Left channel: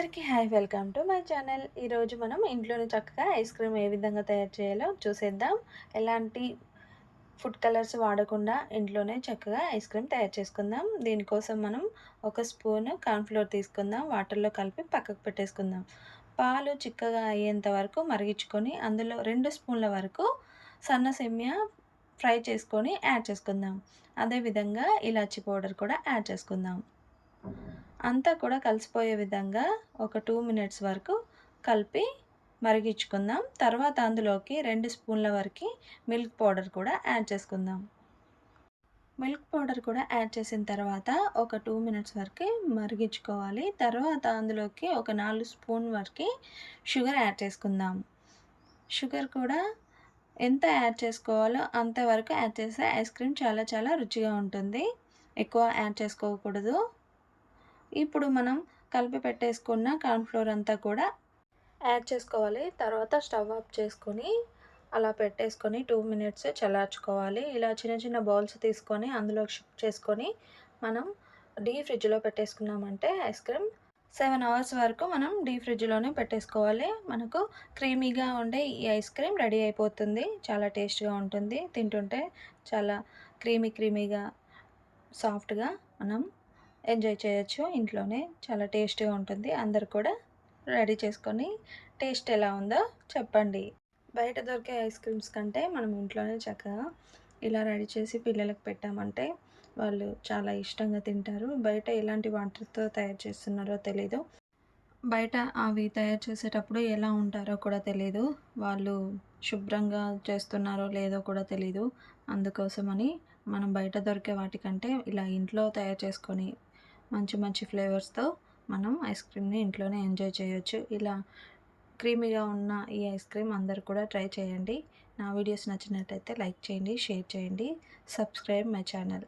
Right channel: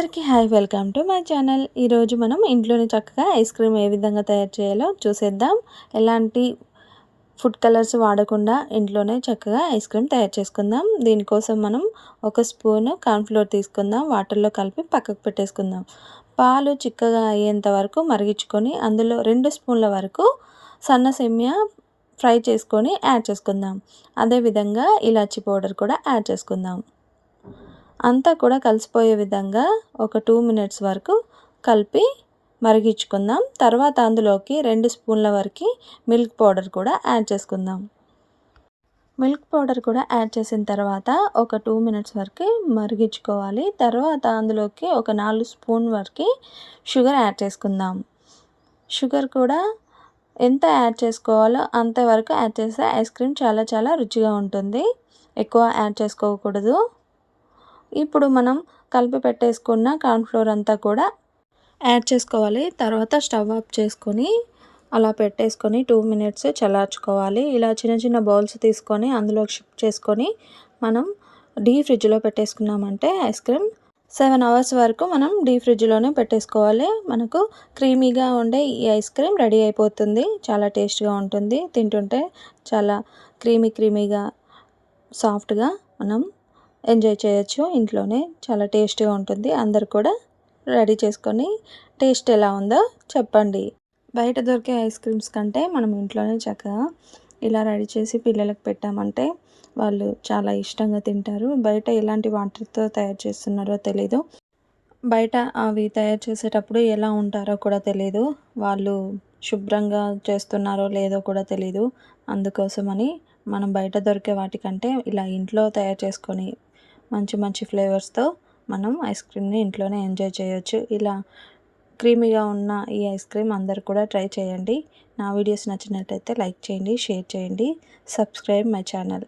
అందరికీ hi, welcome to my channel. ఈరోజు మనం ఇంట్లోనే చక్కగా ఐస్ క్రీమ్ ఏ విధంగా తయారు చేయాలో చూసేద్దాం. ఎలాంటి ఫుడ్ కలర్స్ వాడకుండా ఇంట్లోనే చక్కగా ఐస్ క్రీమ్ తయారు చేసుకుందాం. దీనికోసం మనం ఒక స్పూను కార్న్‌ఫ్లోర్ తీసుకుందాం. వాటర్లో కలిపి పక్కకు పెట్టేసుకుందాం. పాలు చిక్కగా అయ్యేంత వరకు మరిగించుకొని అందులో 2 స్పూన్ల వరకు సన్న సేమియా ఫ్రై చేసుకొని యాడ్ చేసుకుందాం. అదేవిధంగా ఇలాచీ పౌడర్ కూడా యాడ్ చేసుకుందాం. అంతా కూడా కలిసిపోయే విధంగా ఒక 2 మినిట్స్ వరకు కలిపి మరిగించుకుందాం. తర్వాత అందులోకి 2 స్పూన్ల వరకు మిల్క్ పౌడర్ కూడా యాడ్ చేసుకుందాం. మిల్క్ పౌడర్ కూడా యాడ్ చేసిన తర్వాత ఒక 2 మినిట్స్ వరకు మరిగించుకోవాలి. తర్వాత అందులోకి ఒక 4 స్పూన్ వరకు షుగర్ యాడ్ చేసుకుందాం. షుగర్ కూడా ఎంత యాడ్ చేసుకోవాలో అంతవరకు యాడ్ చేస్తే ఐస్ క్రీమ్ చాలా చాలా రుచిగా ఉంటుంది. ఎక్కువ యాడ్ చేసుకోకూడదు. ఇప్పుడు మనం కలిపి పెట్టేసుకున్న కార్న్‌ఫ్లోర్ అంతా కూడా యాడ్ చేసుకోవాలి. తర్వాత స్టవ్ ఆఫ్ చేసుకొని అలా పెట్టేసుకొని 2 మినిట్స్ చల్లార్చుకోవాలి. ఇలా చిన్న చిన్న బౌల్స్ తీసుకొని అందులోకి షిఫ్ట్ చేసుకొని మనం డీప్ ఫ్రిడ్జ్‌లో పెట్టేసుకున్నామంటే ఐస్ క్రీమ్ 7 అవర్స్ వరకు మనం డీప్ ఫ్రిడ్జ్‌లోనే పెట్టేసుకోవాలి. మనకు క్రీమీగా ఉండే ఈ ఐస్ క్రీమ్ రెడీ అయిపోతుంది. చాలా టేస్ట్‌గా ఉంటుంది. తింటుంటే చాలా క్రీమీగా సాఫ్ట్‌గా మనం ఎంజాయ్ చేయొచ్చు. ఇంట్లోనే చాలా టేస్టీగా ఉంటుంది. అందరూ కూడా రెడీ చేసుకొని టేస్ట్ ఎలా ఉందో చెప్పండి. బయట దొరికే ఐస్ క్రీమ్స్ కంటే మనం ఇంట్లోనే చక్కగా ఇలా రెడీ చేసి పిల్లలకు పెట్టామంటే వాళ్ళు చాలా ఇష్టంగా తింటారు. బయట ఎలాంటి వాటర్‌తో తయారు చేస్తున్నారో తెలీదు. బయట అవి తయారు చేసేటప్పుడు ఎలా ఉంటారో కూడా తెలీదు. వాళ్ళు శుభ్రంగా చేస్తున్నారో లేదో కూడా తెలీదు. అందుకోసమని మనం బయట దొరికే వాటికంటే ఇలా ఇంట్లో తయారు చేసుకొని మంచి మంచి ఫ్లేవర్స్‌తో మనం ఐస్ క్రీమ్‌ని ఇంట్లోనే ఎంజాయ్ చేయొచ్చు. ఇలా క్రీమీగా ఉన్న ఈ ఐస్ క్రీమ్ అందరూ కూడా ట్రై చేయండి. నా వీడియోస్ నచ్చినట్టయితే లైక్ చేయండి, షేర్ చేయండి, సబ్స్క్రైబ్ మై ఛానల్.